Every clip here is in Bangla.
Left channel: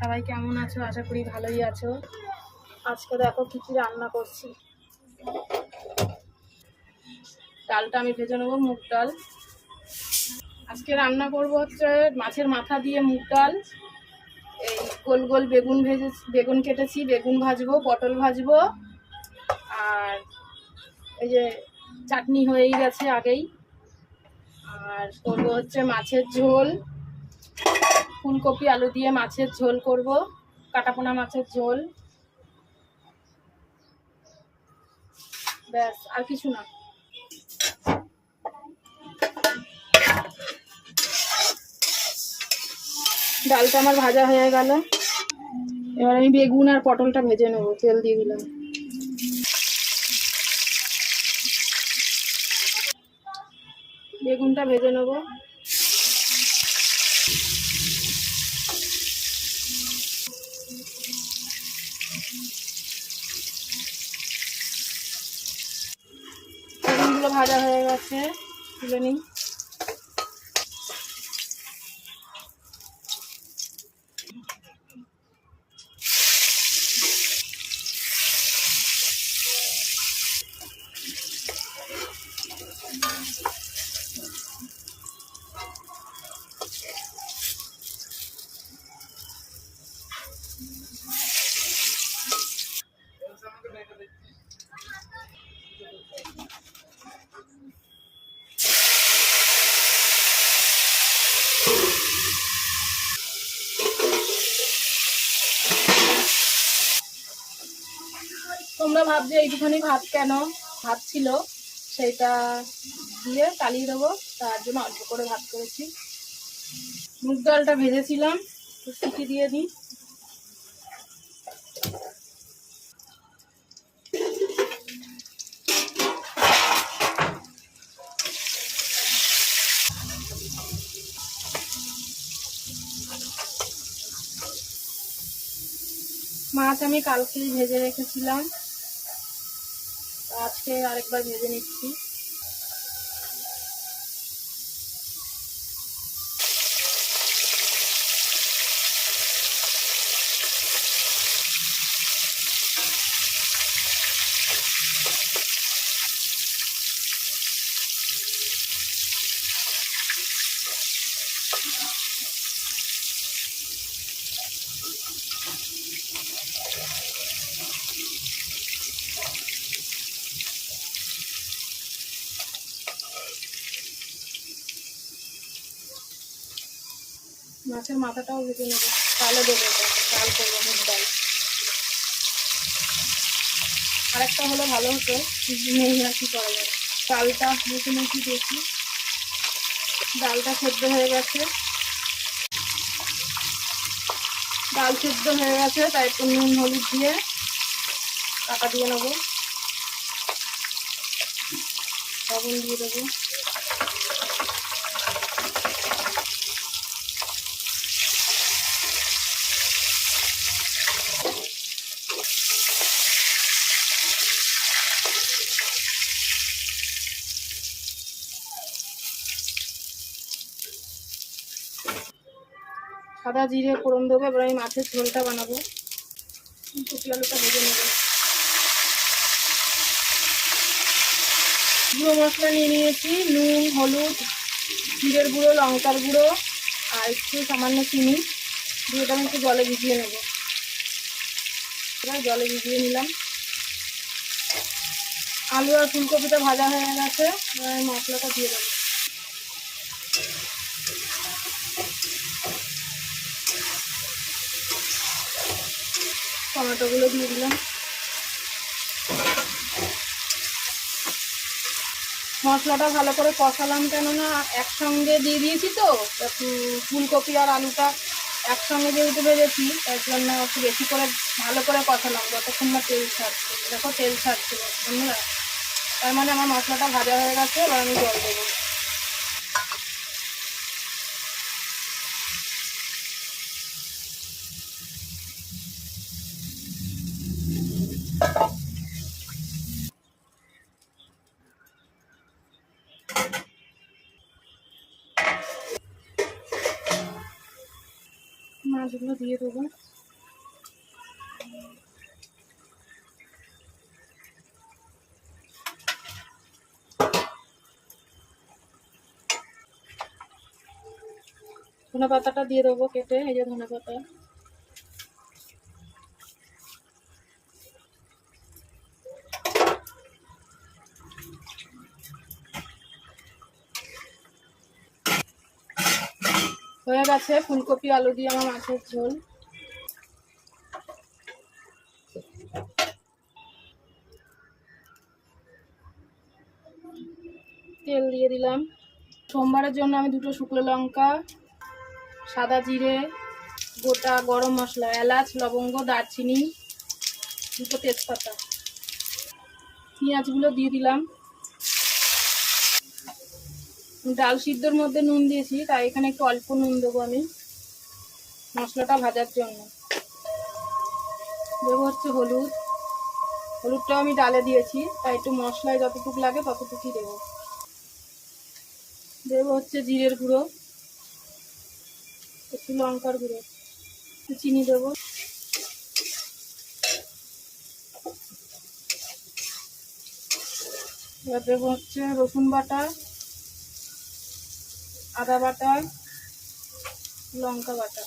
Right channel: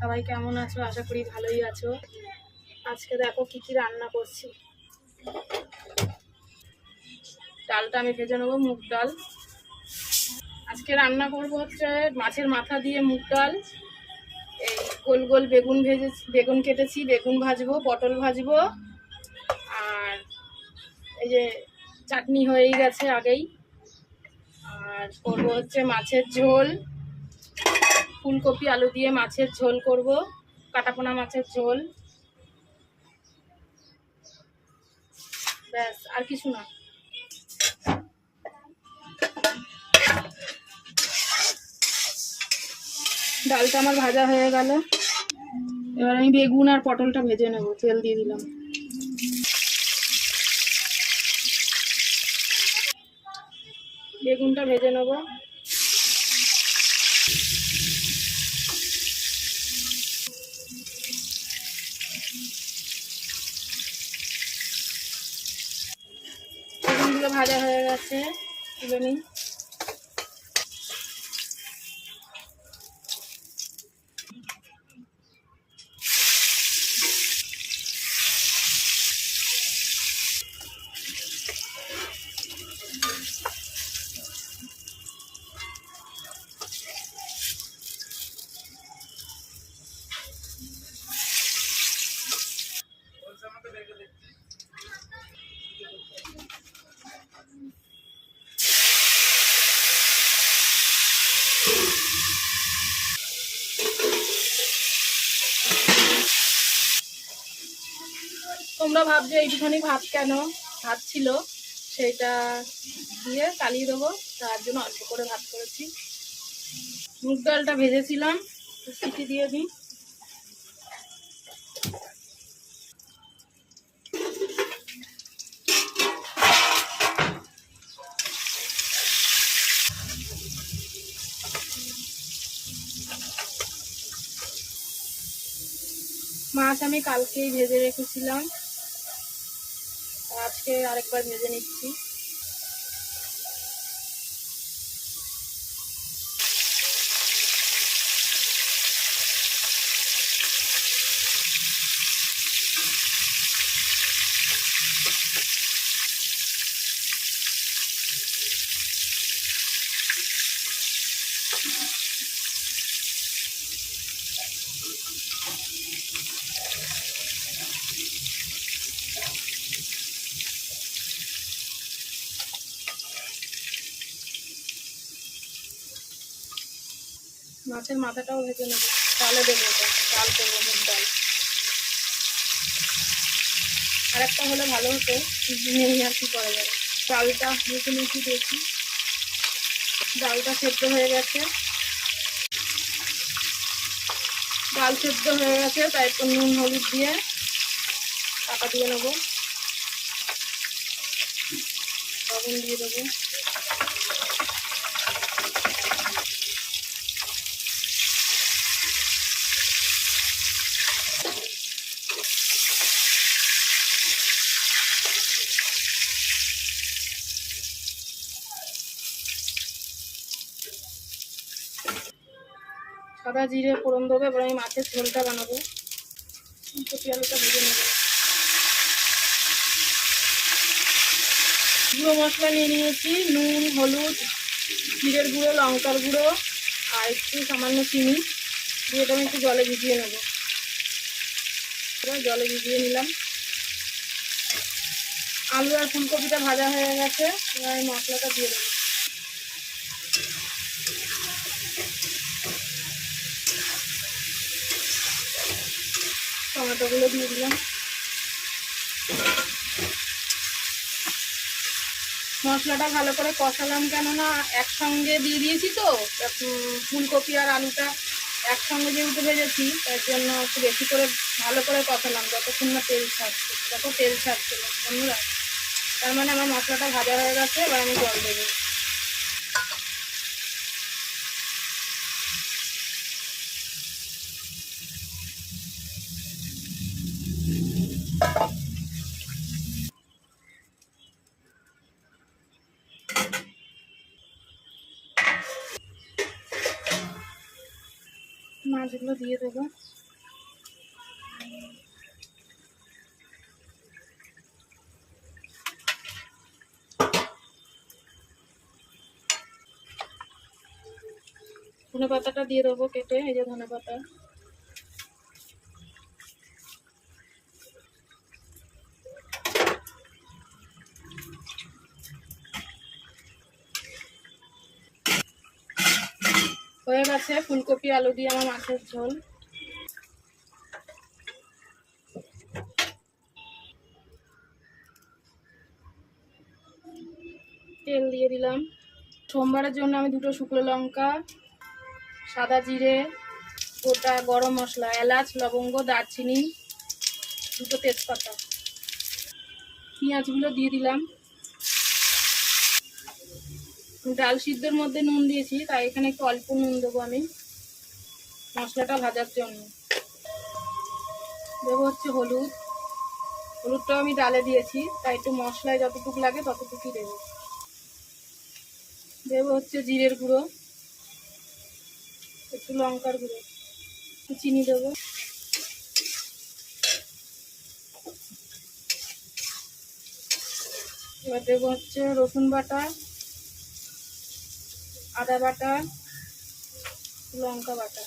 সবাই কেমন আছো? আশা করি ভালোই আছো। আজকে দেখো কি কি রান্না করছি। ডালটা আমি ভেজে নেবো, মুগ ডাল। আজকে রান্না করব হচ্ছে মাছের মাথা দিয়ে মুগ ডাল। এই গোল গোল বেগুন কেটেছি, বেগুন ভাজবো, পটল ভাজবো। আর এই যে চাটনি হয়েই গেছে আগেই। আর করবো হচ্ছে মাছের ঝোল, ফুলকপি আলু দিয়ে মাছের ঝোল করব, কাটাপোনা মাছের ঝোল। ব্যাস, আর কিছু না। ডালটা আমার ভাজা হয়ে গেল। এবার আমি বেগুন আর পটলটা ভেজে নেবো, তেল দিয়ে দিলাম। বেগুনটা ভেজে নেবো। বেগুনগুলো ভাজা হয়ে গেছে, তুলে নিই। তোমরা ভাবছো এইটুখানি ভাত কেন, ভাত ছিল সেটা দিয়ে চালিয়ে দেবো, তার জন্য অল্প করে ভাত করেছি। মুগ ডালটা ভেজেছিলাম, সিটি দিয়ে দিই। মাছ আমি কালকেই ভেজে রেখেছিলাম, আজকে আরেকবার ভেজে নিচ্ছি। মাছের মাথাটাও ভেজে নেবো, ডালে দেবো, এটা ডাল করবো, মুগ ডাল। আরেকটা হলে ভালো হতো, নেই আর কি করা যাবে। ডালটা মুখি দেখি, ডালটা সেদ্ধ হয়ে গেছে। ডাল সেদ্ধ হয়ে গেছে, তাই একটু নুন হলুদ দিয়ে কাটা দিয়ে নেবো, লবণ দিয়ে দেবো। সাদা জিরে ফোড়ন দেবো। এবার আমি মাছের ঝোলটা বানাবো। কচি আলুটা ভেজে নেবো। গুঁড়ো মশলা নিয়ে নিয়েছি, নুন, হলুদ, জিরের গুঁড়ো, লঙ্কার গুঁড়ো আর একটু সামান্য চিনি দিয়ে আমি একটু জলে ভিজিয়ে নেবো। জলে ভিজিয়ে নিলাম। আলু আর ফুলকপিটা ভাজা হয়ে গেছে, এবার আমি মশলাটা দিয়ে দেবো। টমেটোগুলো দিয়ে দিলাম। মশলাটা ভালো করে কষালাম, কেননা একসঙ্গে দিয়ে দিয়েছি তো, ফুলকপি আর আলুটা একসঙ্গে যেহেতু ভেজেছি, তার জন্য একটু বেশি করে ভালো করে কষালাম যতক্ষণ না তেল ছাড়ছে। দেখো তেল ছাড়ছে বন্ধুরা, তার মানে আমার মশলাটা ভাজা হয়ে গেছে। এবার আমি জল দেবো। মাছগুলো দিয়ে দেবো। ধনে পাতাটা দিয়ে দেবো কেটে, এই যে ধনে পাতা। হয়ে গেছে ফুলকপি আলু দিয়ে আমার মাছের ঝোল। তেল দিয়ে দিলাম। সোমবারের জন্য আমি 2টো শুকনো লঙ্কা, সাদা জিরে, গোটা গরম মশলা, এলাচ, লবঙ্গ, দারচিনি, 2টো তেজপাতা, পেঁয়াজগুলো দিয়ে দিলাম। ডাল সিদ্ধর মধ্যে নুন দিয়েছি, তাই এখানে একটু অল্প নুন দেবো আমি মশলাটা ভাজার জন্য। দেবো হচ্ছে হলুদ, হলুদটাও আমি ডালে দিয়েছি, তাই একটু মশলায় যতটুকু লাগে ততটুকুই দেবো। দেবো হচ্ছে জিরের গুঁড়ো, একটু লঙ্কার গুঁড়ো, একটু চিনি দেবো। এবার দেবো হচ্ছে রসুন বাটা, আদা বাটা, লঙ্কা বাটা,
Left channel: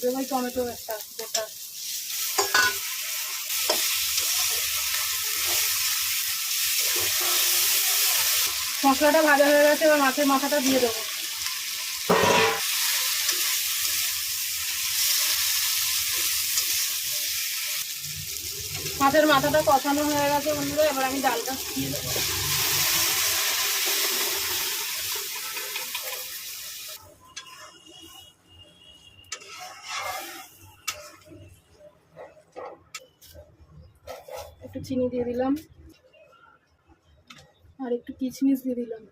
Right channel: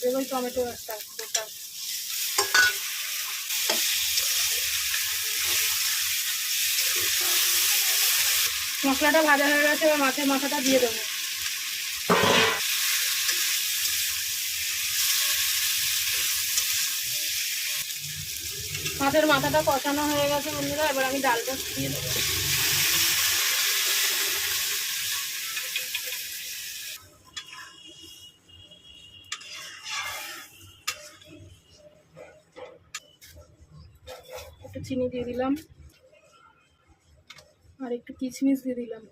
দেবো টমেটো একটা গোটা। মশলাটা ভাজা হয়ে গেছে, এবার মাছের মাথাটা দিয়ে দেবো। মাছের মাথাটা কষানো হয়ে গেছে বন্ধুরা, এবার আমি ডালটা দিয়ে দেবো। একটু চিনি দিয়ে দিলাম আর একটু কিশমিশ দিয়ে দিলাম,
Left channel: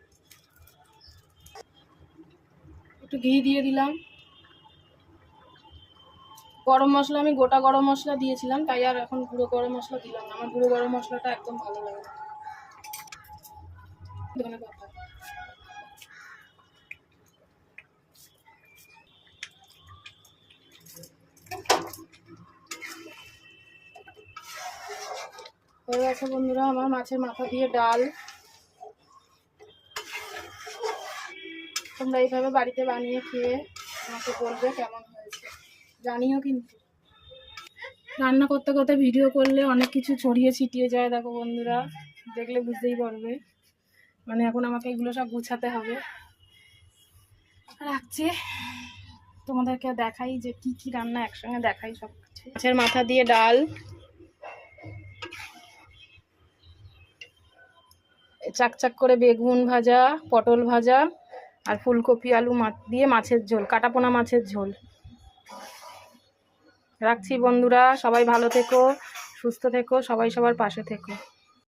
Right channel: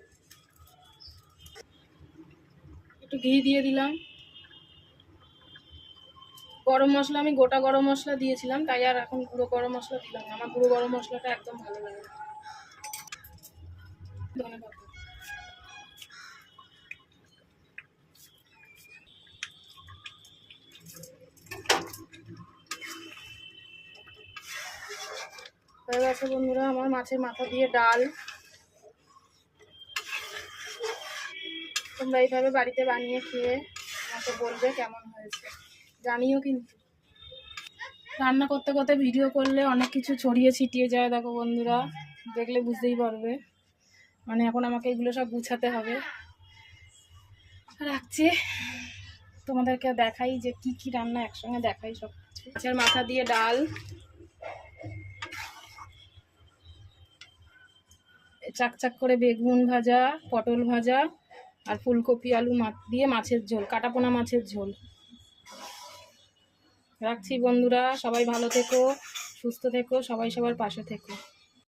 একটু ঘি দিয়ে দিলাম। গরম মশলা আমি গোটা গরম মশলা দিয়েছিলাম, তাই আর এখন গুঁড়ো গরম মশলা দিলাম না, আমার গুঁড়ো গরম মশলাটা একদম ভালো লাগে। ধন্যবাদ। হয়ে গেছে বন্ধুরা আমার মাছের মাথা দিয়ে ডাল। তোমরা এইভাবে বাড়িতে বানিয়ে খেয়ে আমাকে বলবে কেমন হয়েছে, জানিও কিন্তু। রান্না করতে করতে ভিডিও করলে অনেক কিছু ছড়িয়ে ছিটিয়ে যায়, দেখো বন্ধুরা, দেখলে বুঝতেই পারবে। মানে এখন আমাকে এগুলো সব গুছাতে হবে। রাখছি, তোমাদেরকে দেখাই যে কি কি রান্না একসঙ্গে দেখাই সব কিছু। মাছের মাথা দিয়ে ডাল, চাকচাক করে বেগুন ভাজা, পটল ভাজা, আর ফুলকপি আলু দিয়ে মাছের ঝোল, কাটাপোনা মাছের ঝোল। রাখছি বন্ধুরা, সবাই ভালো থেকো, সুস্থ থেকো, সবাই সবার পাশে থেকো।